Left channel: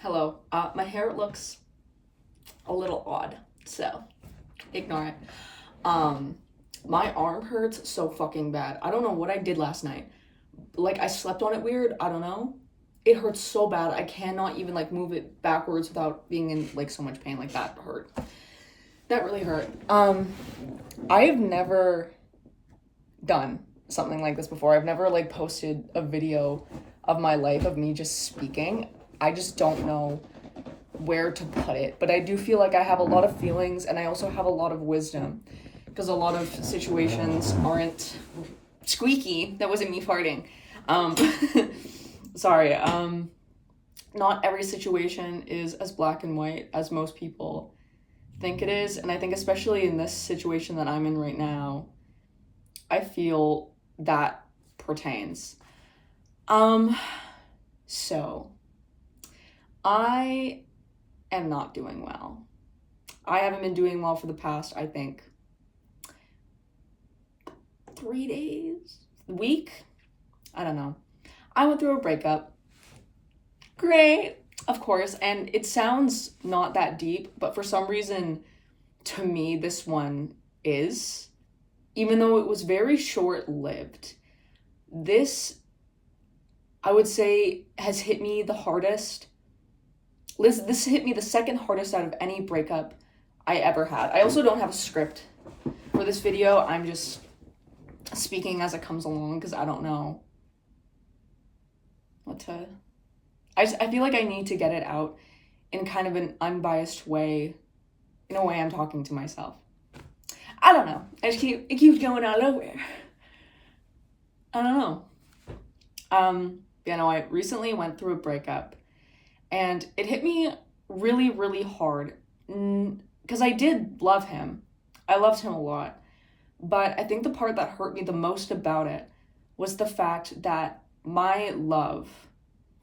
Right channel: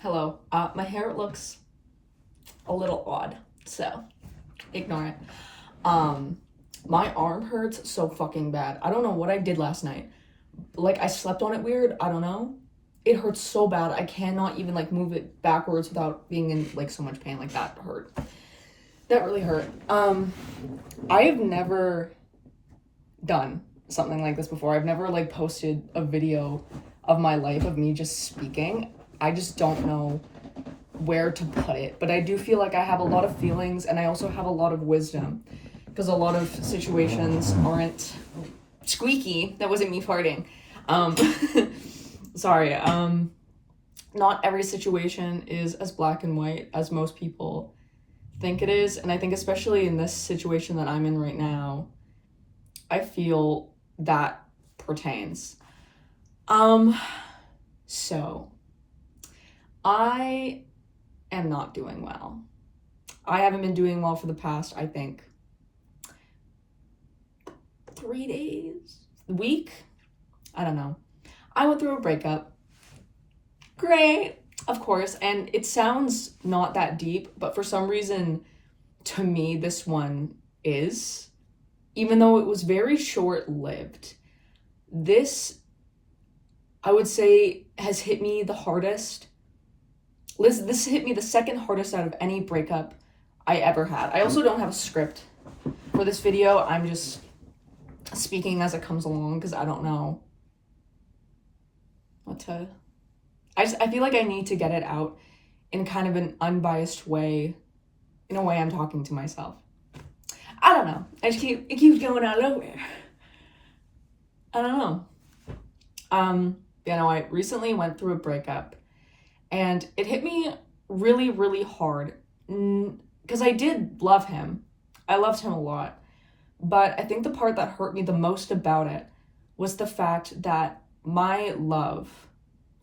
Hello. My hair looks a little odd, so ignore it. Um, my arm hurts so fucking bad. I don't know what I did last night. Like, I slept on it weird. I don't know. It hurts so bad. I cannot even like move it backwards without being in like so much pain. Like that hurt. That really hurt. I've never done something like this before. I've never like posted a video of my life of me just speaking. I just don't know where to put it, but I do feel like I have a lot of feelings and I also have a lot of wisdom because a lot of situations aren't squeaky. That wasn't me farting. Um, sorry. Not every situation is as black and white as most people think it is, and I think especially in this situation that I'm in right now, I feel that pertains. Um, so I am not doing well. I haven't been doing well for the past, I think, 3 days, week. I don't know. I went through a breakup. Great, of course, and it sounds not that deep, but for some reason, to me, this one is. Even though it was very short lived, this, I would say, has hit me the hardest. This hit me the second hardest out of any breakup I ever had. I also don't have a script for this video. I'm just speaking as it comes along because I don't know what to. I feel like I need to get it out in kind of an unbiased way, in a way I'm talking to myself. I don't know. It keeps going out of nowhere. I don't know. I recently went through a breakup, and it hit me really, really hard because I did love him. I loved him a lot. But I think the part that hurt me the most about it was the fact that my love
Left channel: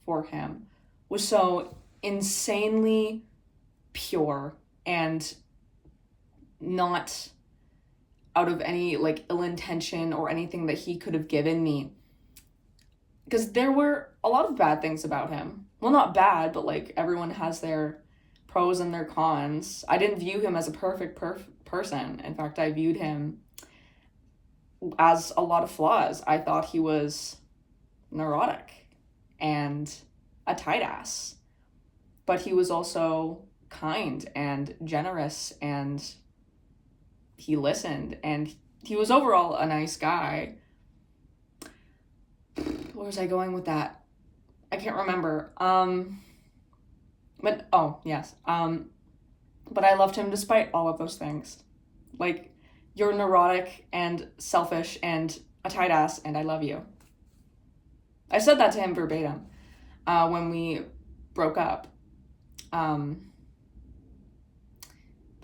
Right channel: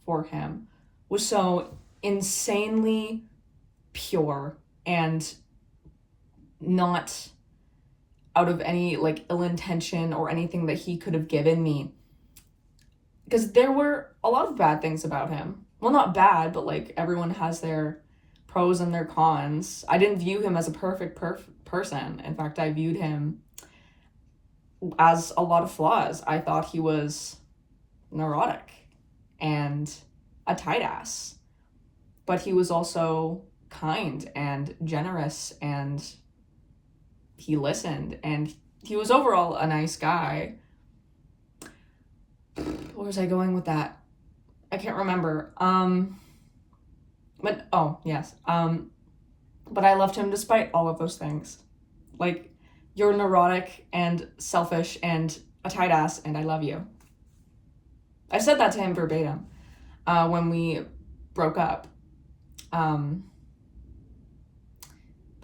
for him was so insanely pure and not out of any like ill intention or anything that he could have given me. Because there were a lot of bad things about him. Well, not bad, but like everyone has their pros and their cons. I didn't view him as a perfect person. In fact, I viewed him as a lot of flaws. I thought he was neurotic and a tight ass, but he was also kind and generous, and he listened, and he was overall a nice guy. Where was I going with that? I can't remember. But oh yes. But I loved him despite all of those things. Like, you're neurotic and selfish and a tight ass, and I love you. I said that to him verbatim when we broke up. But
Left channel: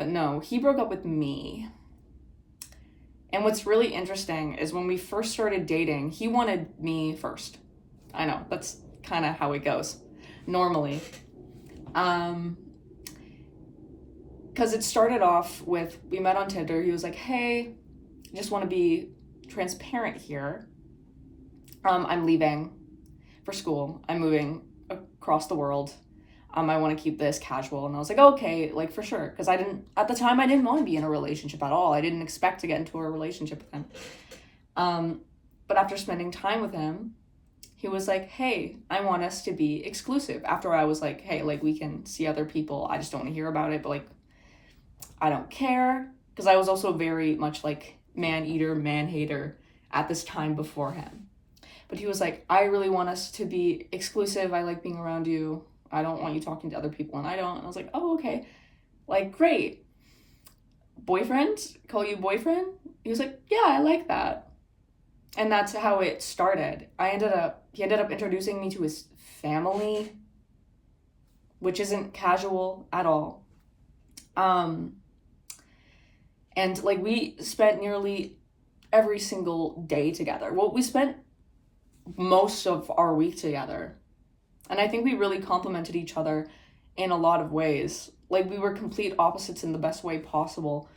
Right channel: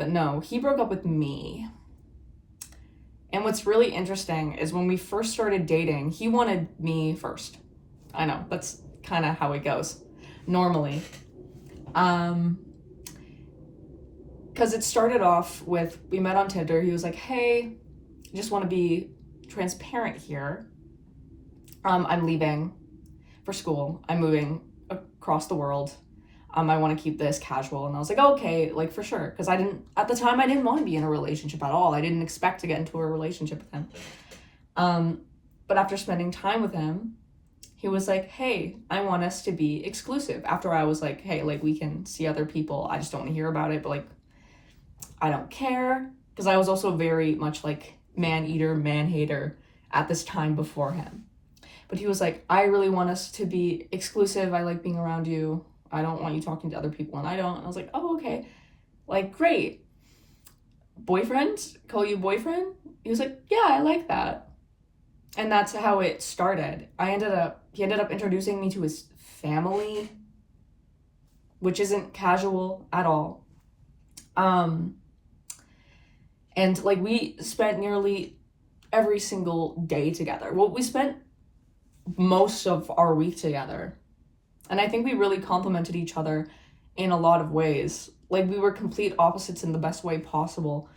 no, he broke up with me. And what's really interesting is when we first started dating, he wanted me first. I know, that's kind of how it goes normally. Because it started off with, we met on Tinder. He was like, hey, I just want to be transparent here. I'm leaving for school. I'm moving across the world. I want to keep this casual. And I was like, oh, okay, like for sure. Because at the time, I didn't want to be in a relationship at all. I didn't expect to get into a relationship with him. But after spending time with him, he was like, hey, I want us to be exclusive. After I was like, hey, like we can see other people. I just don't want to hear about it. But like, I don't care. Because I was also very much like man eater, man hater at this time before him. But he was like, I really want us to be exclusive. I like being around you. I don't want you talking to other people, and I don't. And I was like, oh, okay. Like, great. Boyfriend? Call you boyfriend? He was like, yeah, I like that. And that's how it started. He ended up introducing me to his family, which isn't casual at all. And like we spent nearly every single day together. Well, we spent most of our week together. And I think we really complemented each other in a lot of ways. Like, we were complete opposites in the best way possible.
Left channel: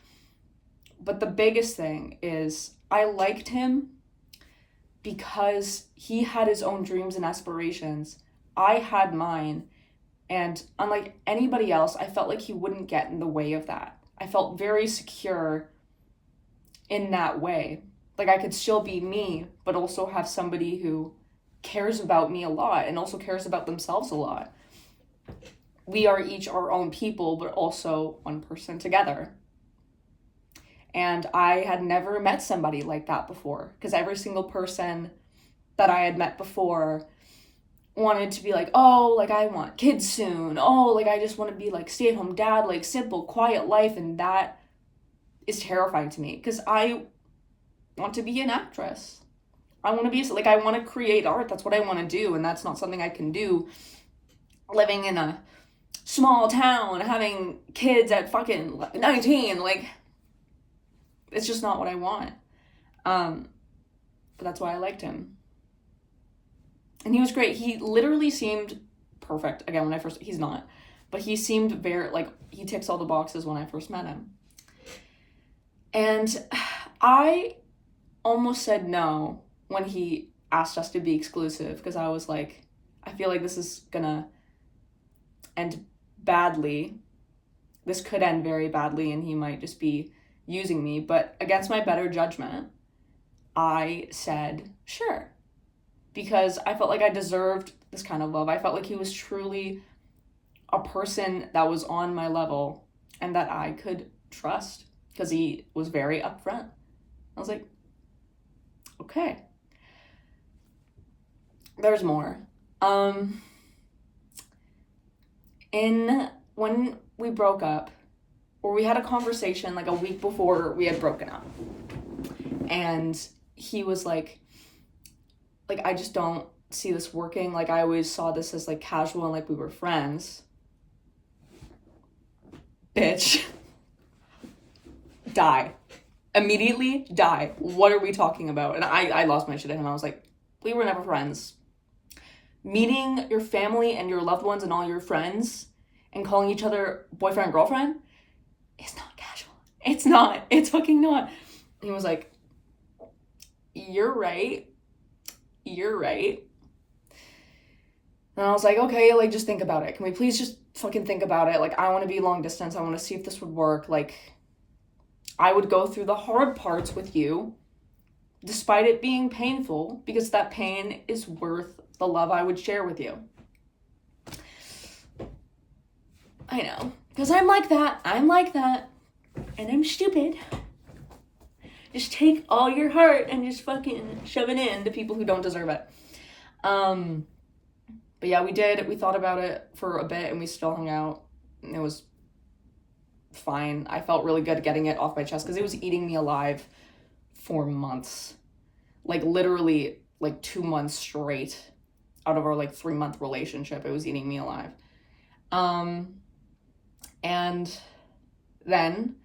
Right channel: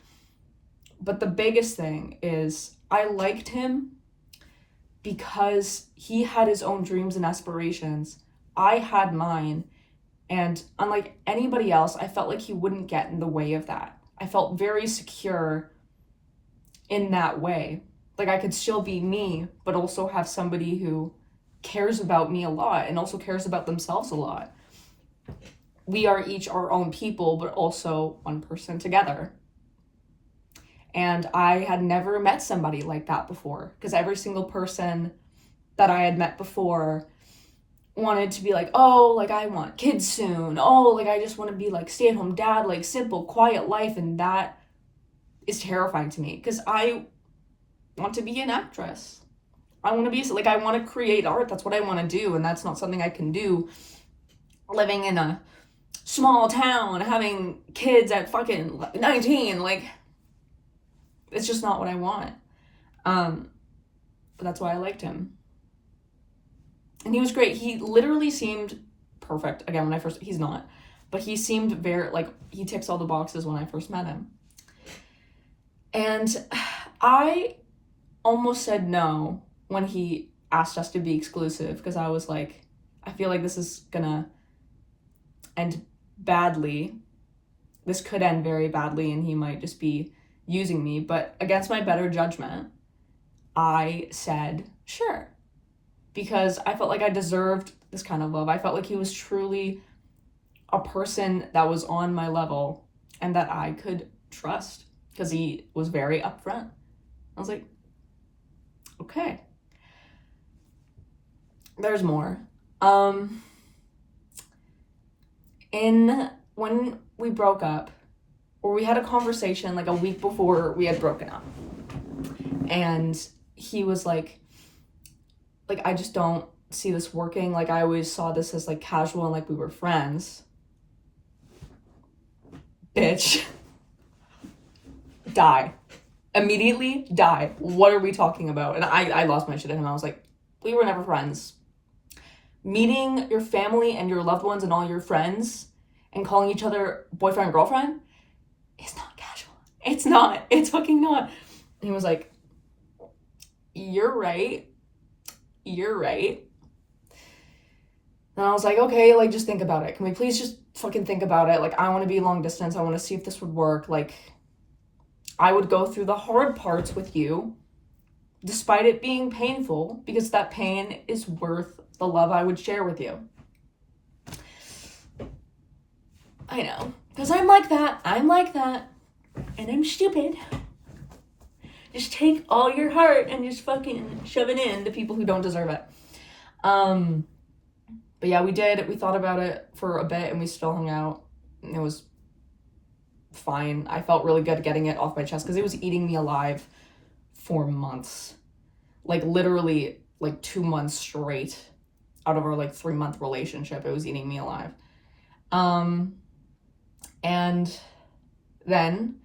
But the biggest thing is I liked him because he had his own dreams and aspirations. I had mine. And unlike anybody else, I felt like he wouldn't get in the way of that. I felt very secure in that way. Like I could still be me, but also have somebody who cares about me a lot and also cares about themselves a lot. We are each our own people, but also one person together. And I had never met somebody like that before, because every single person that I had met before wanted to be like, oh, like I want kids soon. Oh, like I just want to be like stay-at-home dad, like simple, quiet life. And that is terrifying to me because I want to be an actress. I want to be like, I want to create art. That's what I want to do. And that's not something I can do living in a small town, having kids at fucking 19. Like, it's just not what I want. But that's why I liked him. And he was great. He literally seemed perfect. Again, he's not. But he seemed very, like, he ticks all the boxes when I first met him. And I almost said no when he asked us to be exclusive, because I was like, I feel like this is gonna end badly. This could end very badly and he might just be using me. But against my better judgment, I said sure, because I felt like I deserved this kind of love. I felt like he was truly a person that was on my level and that I could trust, because he was very upfront. I was like, okay. There's more. When we broke up, or we had a conversation like a week before we had broken up, and he was like, I just don't see this working. Like, I always saw this as like casual and like we were friends. Bitch. Die. Immediately die. What are we talking about? And I lost my shit at him. I was like, we were never friends. Meeting your family and your loved ones and all your friends and calling each other boyfriend and girlfriend is not casual. It's not. It's fucking not. And he was like, you're right. You're right. And I was like, okay, like, just think about it. Can we please just fucking think about it? Like, I want to be long distance. I want to see if this would work. Like, I would go through the hard parts with you, despite it being painful, because that pain is worth the love I would share with you. I know, because I'm like that, and I'm stupid. Just take all your heart and just fucking shove it in to people who don't deserve it. But yeah, we thought about it for a bit, and we still hung out, and it was fine. I felt really good getting it off my chest, because it was eating me alive for months. Like, literally, like 2 months straight out of our like 3-month relationship, it was eating me alive. And then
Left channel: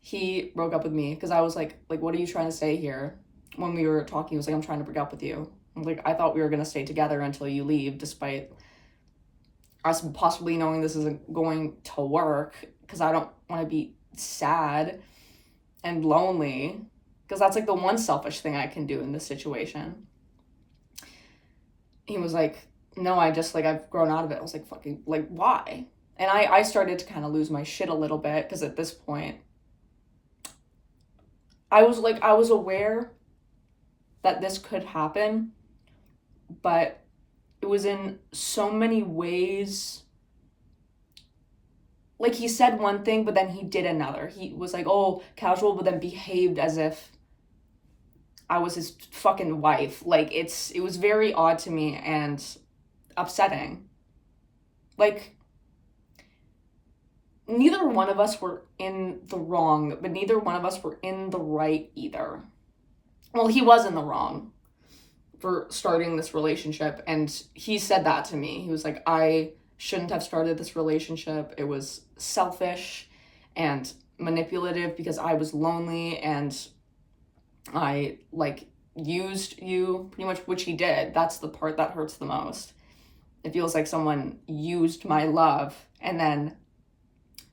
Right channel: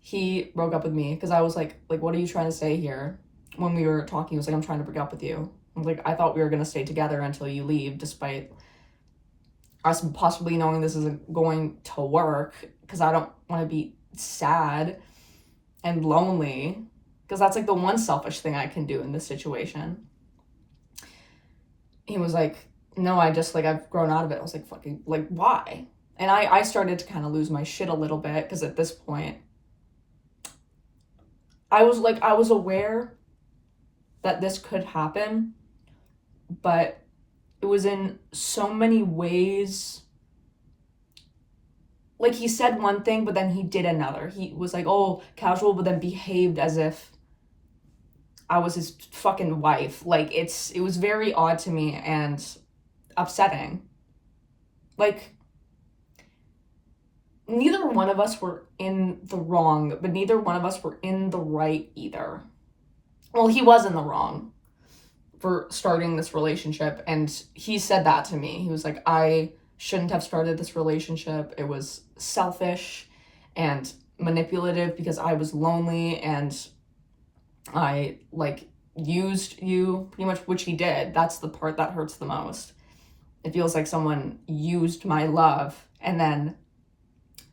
he broke up with me, because I was like, what are you trying to say here? When we were talking, he was like, I'm trying to break up with you. I'm like, I thought we were gonna stay together until you leave, despite us possibly knowing this isn't going to work, because I don't want to be sad and lonely, because that's like the one selfish thing I can do in this situation. He was like, no, I just, like, I've grown out of it. I was like, fucking, like, why? And I started to kind of lose my shit a little bit, because at this point, I was aware that this could happen, but it was in so many ways. Like, he said one thing, but then he did another. He was like, oh, casual, but then behaved as if I was his fucking wife. Like, it was very odd to me and upsetting. Like, neither one of us were in the wrong, but neither one of us were in the right either. Well, he was in the wrong for starting this relationship, and he said that to me. He was like, I shouldn't have started this relationship. It was selfish and manipulative because I was lonely, and I, like, used you pretty much, which he did. That's the part that hurts the most. It feels like someone used my love and then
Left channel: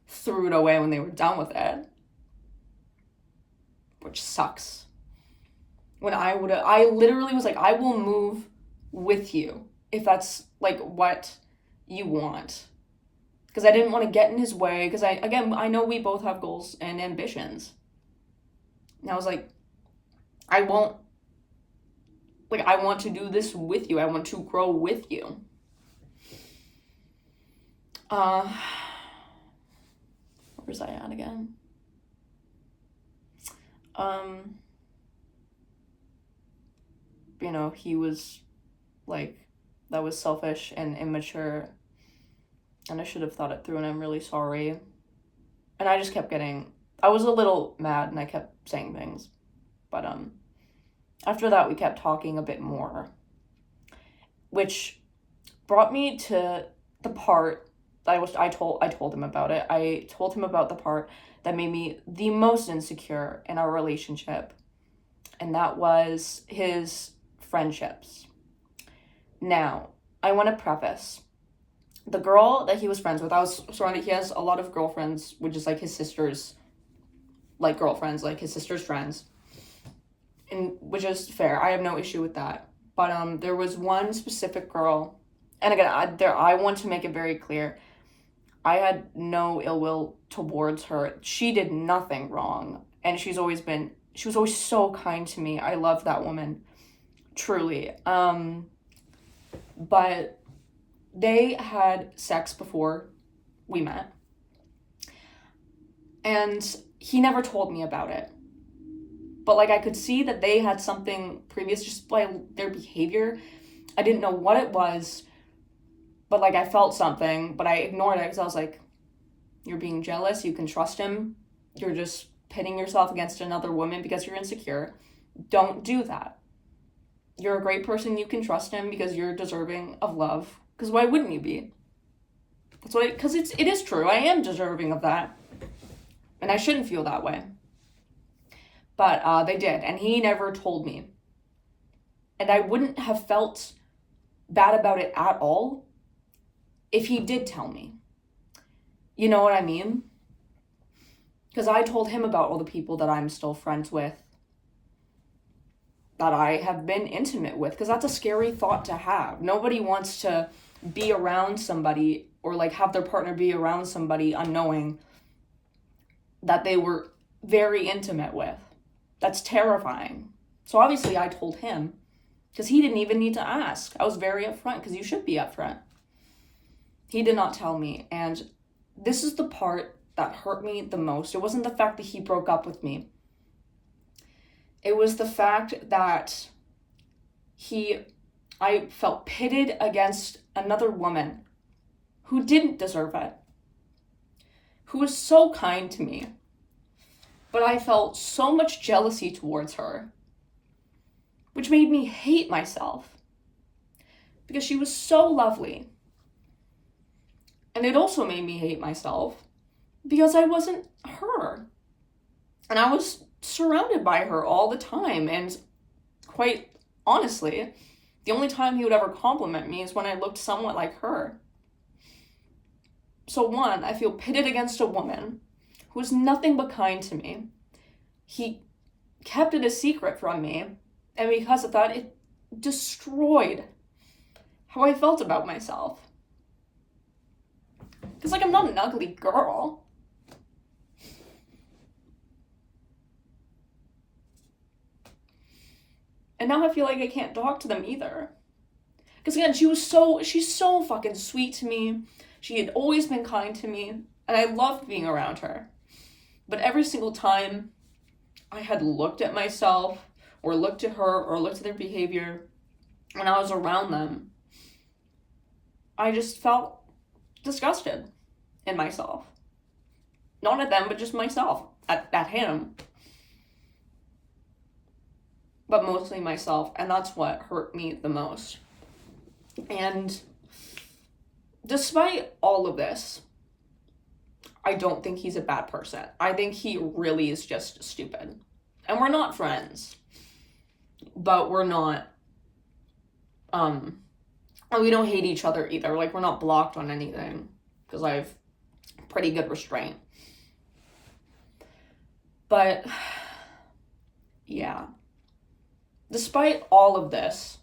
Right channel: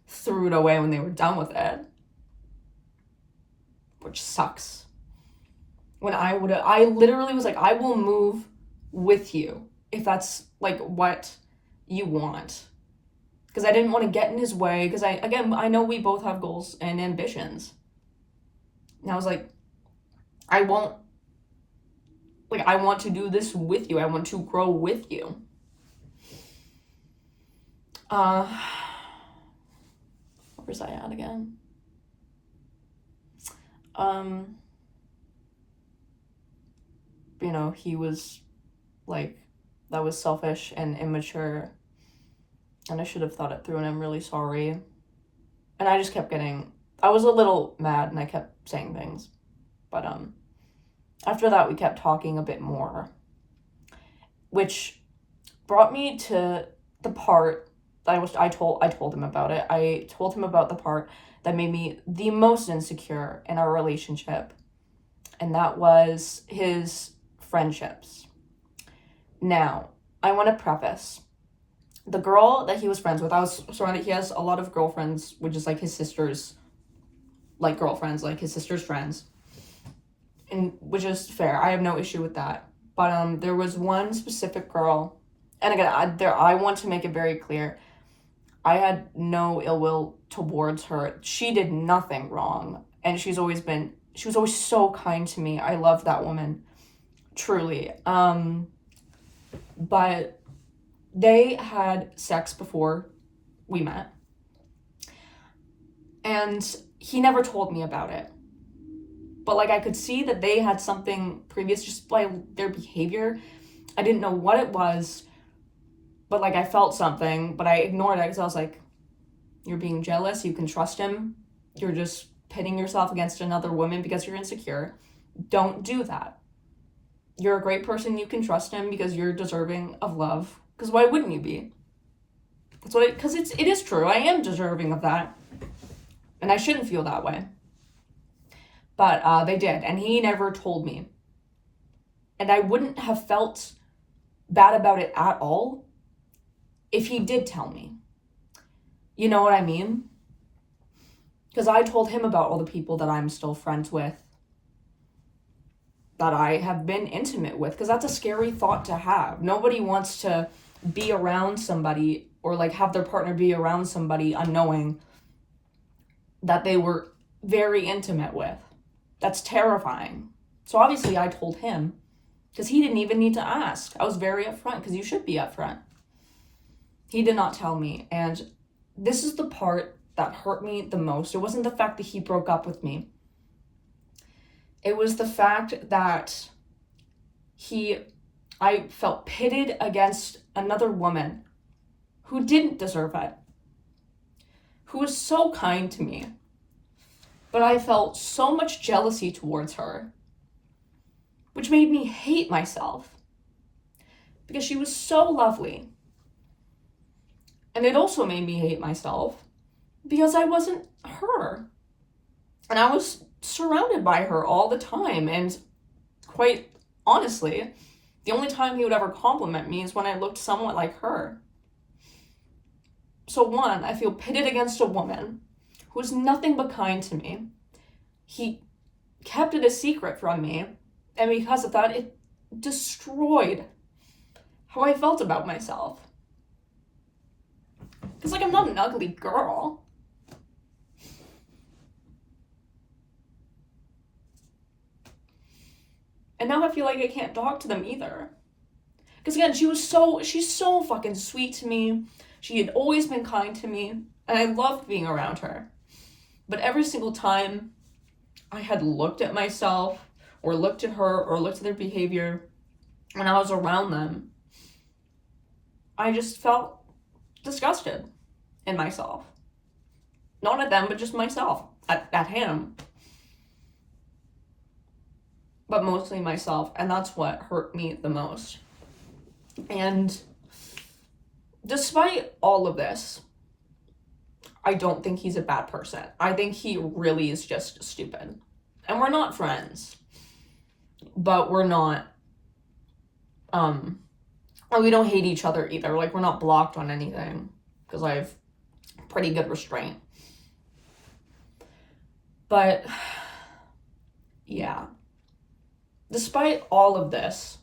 threw it away when they were done with it, which sucks. When I literally was like, I will move with you if that's like what you want. because I didn't want to get in his way, because I know we both have goals and ambitions. And I was like, I won't, like, I want to do this with you. I want to grow with you. Where was I at again? He was like, that was selfish and immature, and I should have thought it through, and I'm really sorry. And I just kept I was a little mad, and I kept saying things. But after that, we kept talking a bit more, which brought me to the part that I told him about it. I told him about the part that made me the most insecure in our relationship, and that was his friendships. Now, I want to preface, the girl that he was friends with, I was surrounded, he has a lot of girlfriends, which is like his sister's, like, girlfriends, like his sister's friends, and which is fair. I have no issue with that. But there was one specific girl, and again, I want to make it very clear, I had no ill will towards her. She did nothing wrong, and she was always so kind to me. I love that woman, truly. But they had sex before we met, and he never told me about it. But, like, I could see that they had something previous just by their behavior. I didn't know what it was, but, like, I felt something, but I ignored it because I was like, you're being jealous, you can trust him, you're just pitting yourself against another woman because you're insecure. Don't do that. You're a great person, you can trust him because you're deserving of love. Because why wouldn't you be? Because it is true, I am deserving of that. And I shouldn't feel that way. But they did, and he never told me. And I wouldn't have felt bad about it at all if he did tell me. You know what I mean? Because I told him about all the people that I'm still friends with, that I have been intimate with, because that's a scary thought to have. Nobody wants to be around somebody, or like have their partner be around somebody unknowing that they were very intimate with. That's terrifying. So obviously I told him, because he didn't even need to ask. I was very upfront, because you should be upfront. He did not tell me, and this is the part that hurt me the most. It wasn't the fact that he broke up with me. It was the fact that I felt pitted against another woman who didn't deserve it, who was so kind to me. But I felt so much jealousy towards her, which made me hate myself, because she was so lovely. And it also made me hate myself because I wasn't her. And I was surrounded by her all the time. And quite honestly, the only time he would ever compliment me is when I looked somewhat like her. So one, I feel pitted against a woman who was nothing but kind to me. He kept it a secret from me, and because of that, it destroyed how I felt about myself. Because, like, I'm not an ugly girl. And now I feel like I can't talk to them either. Because, again, she's so fucking sweet to me. She had always been kind to me, and I loved being around her. But every single time I had looked at myself, or looked at her, or looked at their behavior, when I was around them, I just felt disgusted in myself. Not at them, but just myself, at him. But mostly myself, and that's what hurt me the most. And despite all of this, I don't think he's a bad person. I think he really is just stupid. And we're not friends. But we're not, we don't hate each other either. Like, we're not blocked on anything, because I have pretty good restraint. But, yeah. Despite all of this,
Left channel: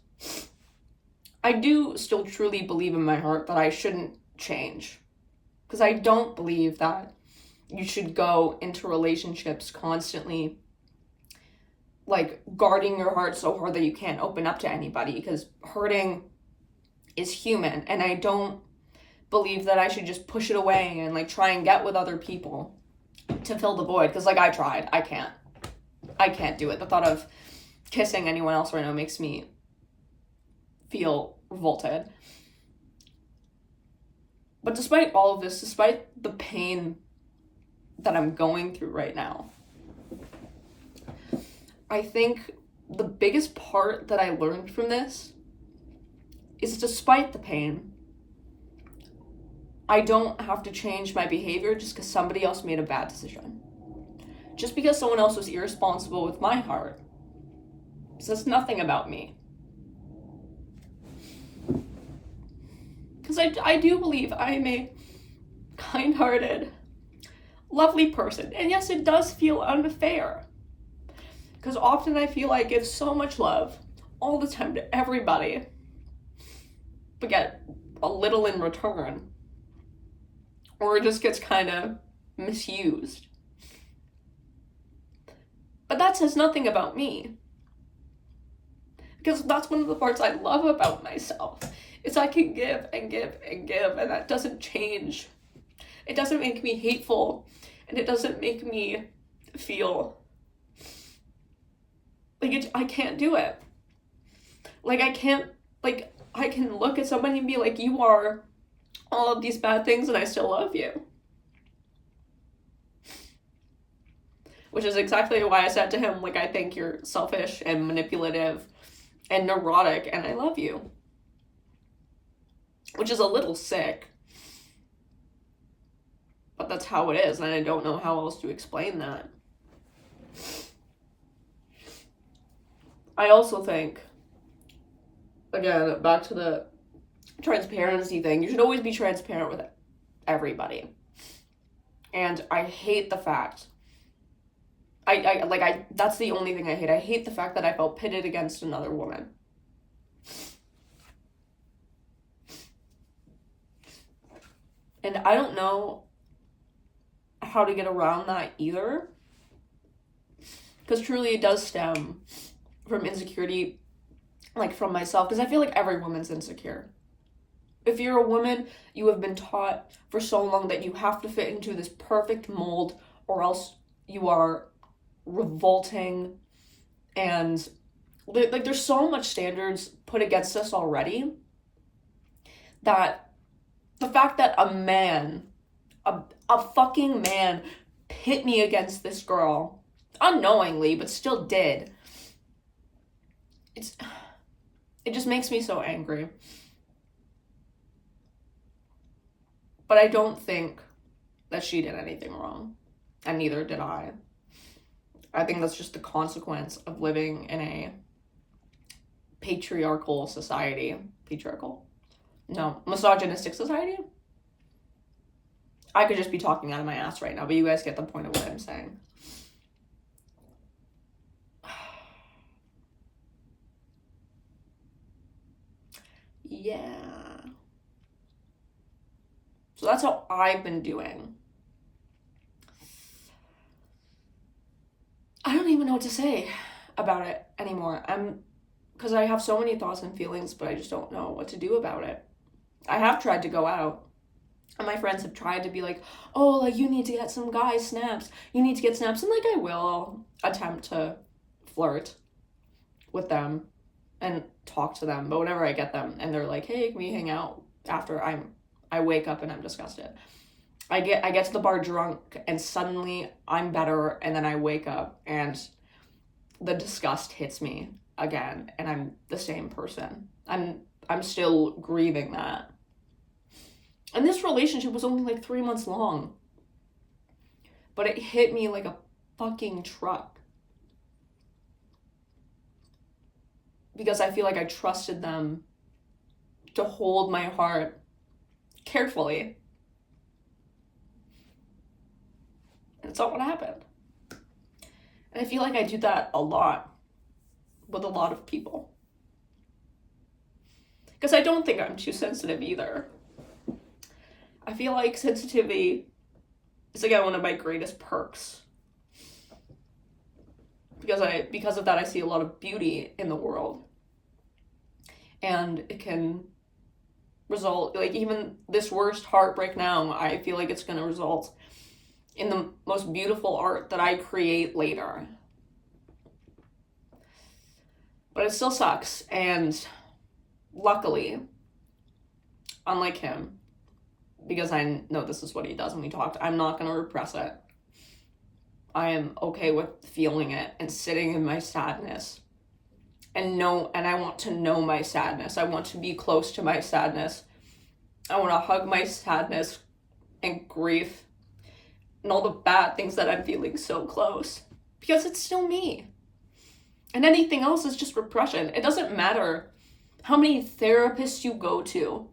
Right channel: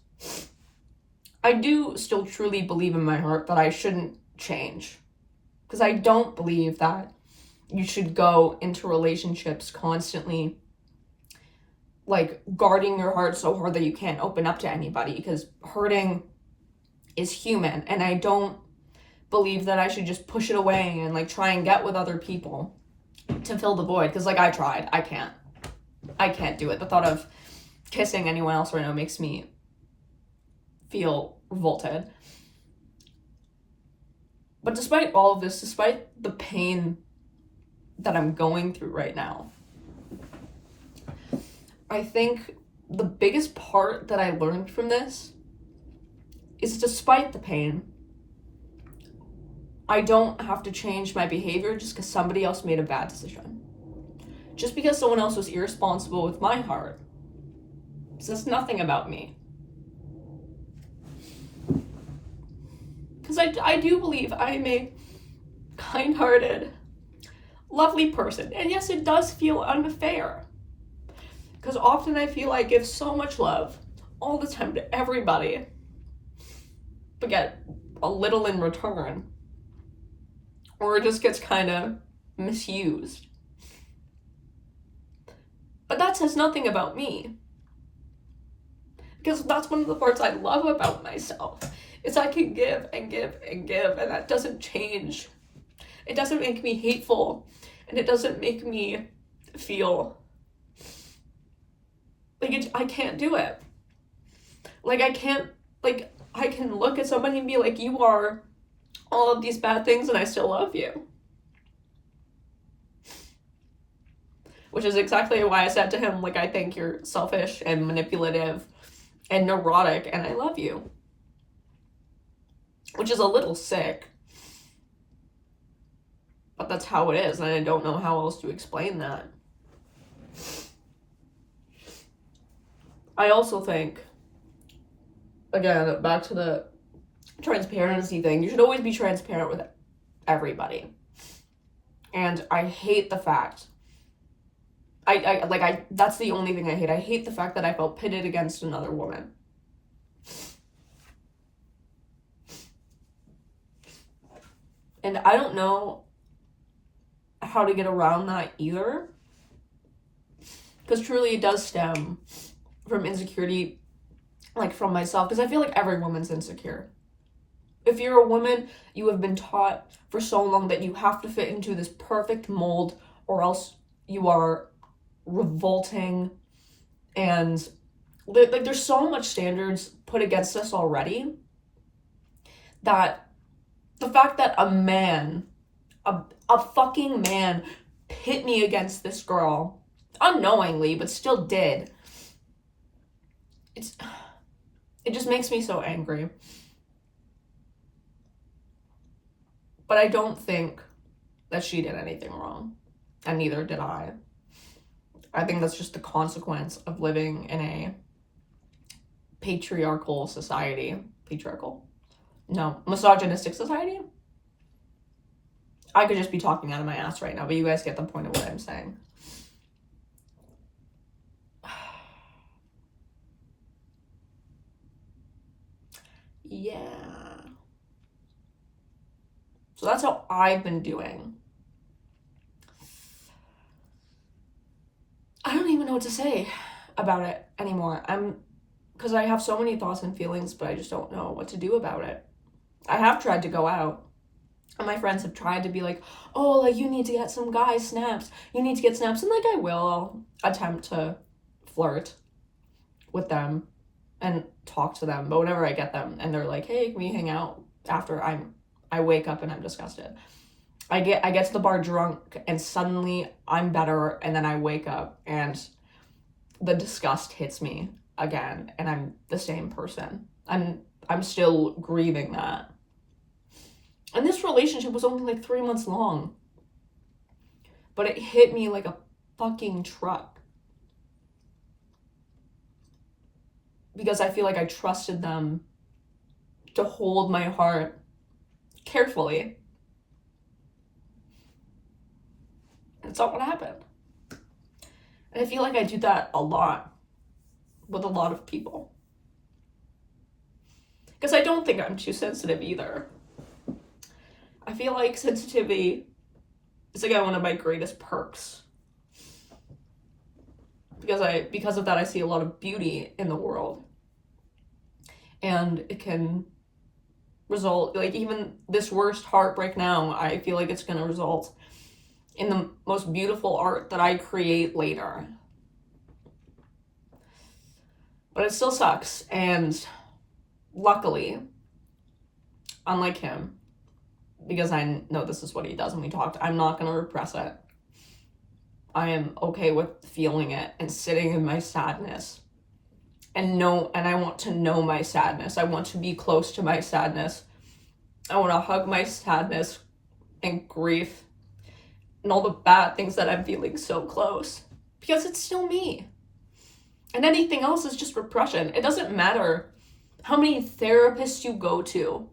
I do still truly believe in my heart that I shouldn't change. Because I don't believe that you should go into relationships constantly like guarding your heart so hard that you can't open up to anybody, because hurting is human, and I don't believe that I should just push it away and like try and get with other people to fill the void, because like I tried. I can't do it. The thought of kissing anyone else right now makes me feel revolted. But despite all of this, despite the pain that I'm going through right now, I think the biggest part that I learned from this is, despite the pain, I don't have to change my behavior just because somebody else made a bad decision. Just because someone else was irresponsible with my heart says nothing about me. Because I do believe I am a kind-hearted, lovely person. And yes, it does feel unfair. Because often I feel I give so much love all the time to everybody, but get a little in return. Or it just gets kind of misused. But that says nothing about me. Because that's one of the parts I love about myself, is I can give and give and give, and that doesn't change. It doesn't make me hateful, and it doesn't make me feel like I can't do it. Like I can't, like I can look at somebody and be like, you are all of these bad things and I still love you. Which is exactly why I said to him, like, I think you're selfish and manipulative and neurotic and I love you. Which is a little sick. But that's how it is, and I don't know how else to explain that. I also think, again, back to the transparency thing, you should always be transparent with everybody. And I hate the fact, that's the only thing I hate. I hate the fact that I felt pitted against another woman. And I don't know how to get around that either. Because truly it does stem from insecurity, like from myself. Because I feel like every woman's insecure. If you're a woman, you have been taught for so long that you have to fit into this perfect mold, or else you are revolting. And like there's so much standards put against us already, that the fact that a man, a fucking man, pit me against this girl, unknowingly, but still did, it just makes me so angry. But I don't think that she did anything wrong, and neither did I. I think that's just the consequence of living in a patriarchal society. Patriarchal? No, misogynistic society? I could just be talking out of my ass right now, but you guys get the point of what I'm saying. Yeah. So that's how I've been doing. I don't even know what to say about it anymore. Because I have so many thoughts and feelings, but I just don't know what to do about it. I have tried to go out, and my friends have tried to be like, oh, like, you need to get some guy snaps. You need to get snaps. And, like, I will attempt to flirt with them and talk to them. But whenever I get them and they're like, hey, can we hang out after I wake up and I'm disgusted. I get to the bar drunk and suddenly I'm better, and then I wake up and the disgust hits me again and I'm the same person. I'm still grieving that. And this relationship was only like 3 months long, but it hit me like a fucking truck. Because I feel like I trusted them to hold my heart carefully. And it's not what happened. And I feel like I do that a lot with a lot of people. Because I don't think I'm too sensitive either. I feel like sensitivity is like one of my greatest perks. Because of that, I see a lot of beauty in the world. And it can result, like even this worst heartbreak now, I feel like it's going to result in the most beautiful art that I create later. But it still sucks. And luckily, unlike him, because I know this is what he does when we talked, I'm not going to repress it. I am okay with feeling it and sitting in my sadness. And I want to know my sadness. I want to be close to my sadness. I want to hug my sadness and grief and all the bad things that I'm feeling so close. Because it's still me. And anything else is just repression. It doesn't matter how many therapists you go to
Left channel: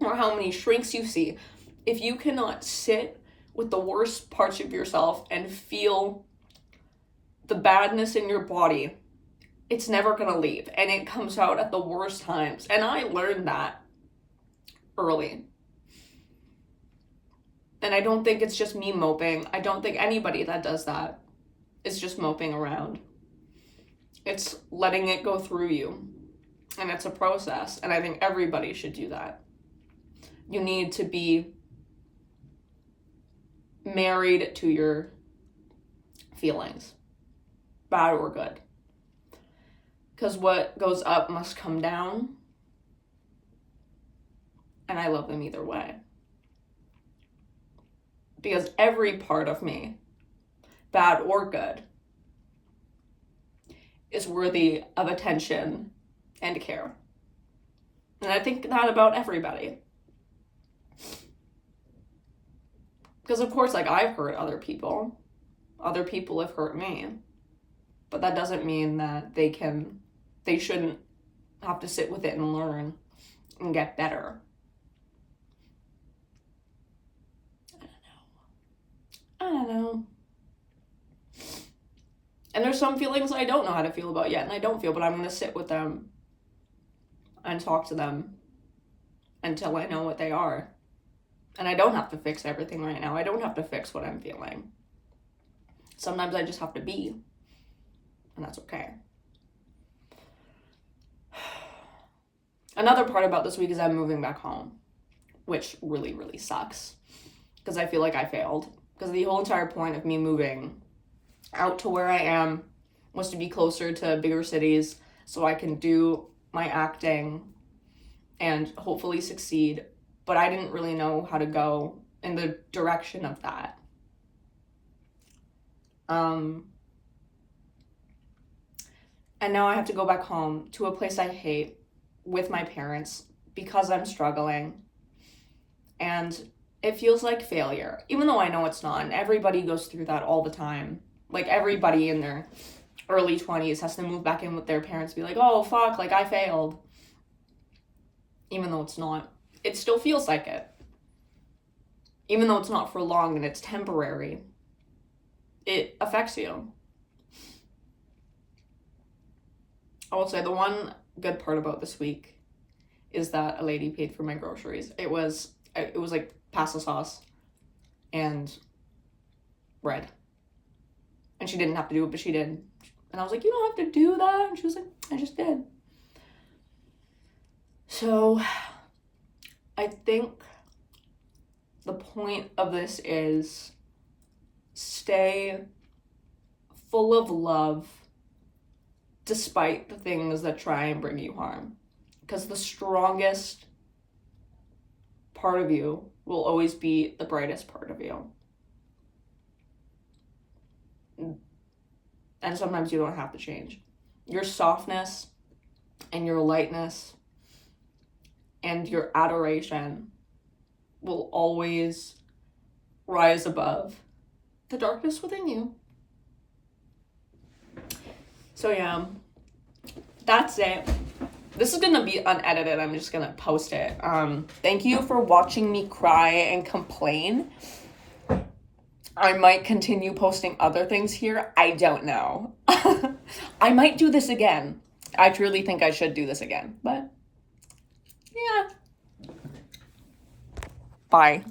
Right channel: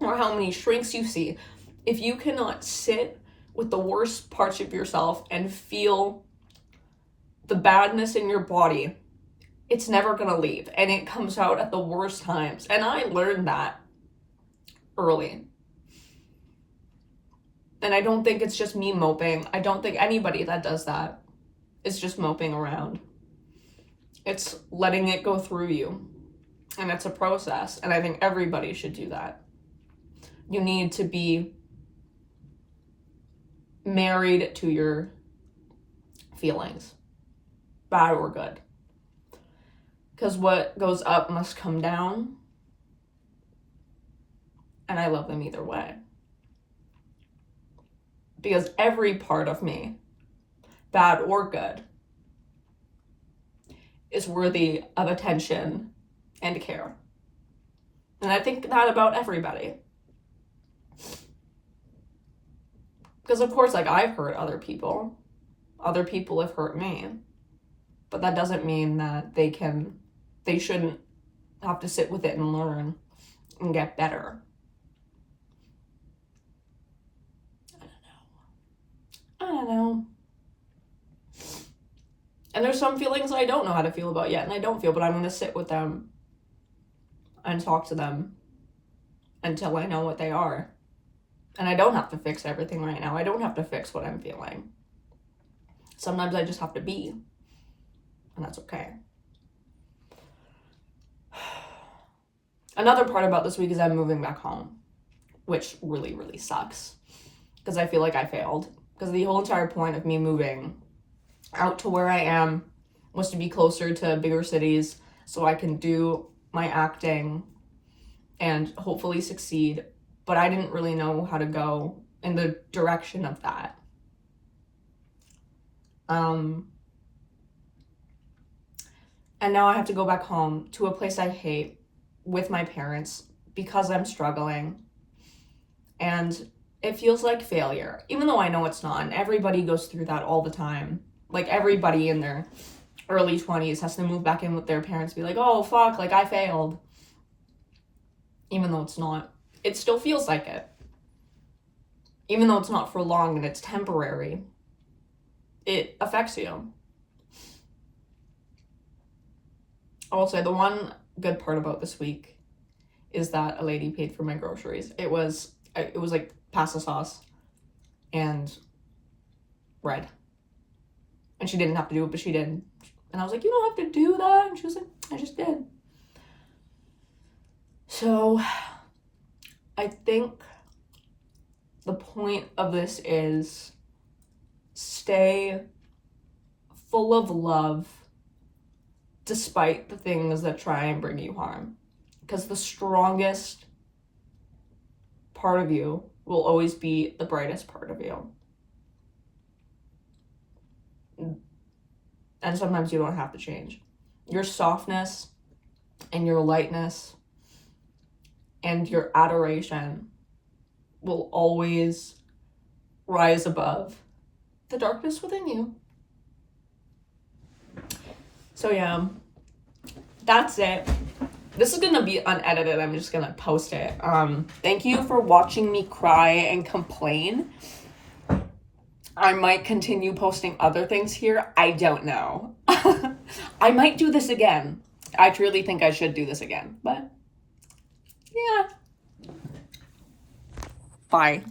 or how many shrinks you see. If you cannot sit with the worst parts of yourself and feel the badness in your body, it's never gonna leave, and it comes out at the worst times. And I learned that early. And I don't think it's just me moping. I don't think anybody that does that is just moping around. It's letting it go through you, and it's a process, and I think everybody should do that. You need to be married to your feelings, bad or good. Because what goes up must come down. And I love them either way. Because every part of me, bad or good, is worthy of attention and care. And I think that about everybody. Because of course, like, I've hurt other people. Other people have hurt me. But that doesn't mean that they shouldn't have to sit with it and learn and get better. I don't know. And there's some feelings I don't know how to feel about yet, and I don't feel, but I'm going to sit with them and talk to them until I know what they are. And I don't have to fix everything right now. I don't have to fix what I'm feeling. Sometimes I just have to be, and that's okay. Another part about this week is I'm moving back home, which really, really sucks because I feel like I failed. Because the whole entire point of me moving out to where I am was to be closer to bigger cities so I can do my acting and hopefully succeed. But I didn't really know how to go in the direction of that. And now I have to go back home to a place I hate with my parents because I'm struggling. And it feels like failure, even though I know it's not. And everybody goes through that all the time. Like, everybody in their early 20s has to move back in with their parents, be like, oh, fuck, like, I failed. Even though it's not. It still feels like it. Even though it's not for long and it's temporary, it affects you. I will say the one good part about this week is that a lady paid for my groceries. It was like pasta sauce and bread. And she didn't have to do it, but she did. And I was like, you don't have to do that. And she was like, I just did. So I think the point of this is stay full of love despite the things that try and bring you harm. Because the strongest part of you will always be the brightest part of you. And sometimes you don't have to change. Your softness and your lightness and your adoration will always rise above the darkness within you. So yeah, that's it. This is gonna be unedited. I'm just gonna post it. Thank you for watching me cry and complain. I might continue posting other things here. I don't know. I might do this again. I truly think I should do this again, but yeah. Bye.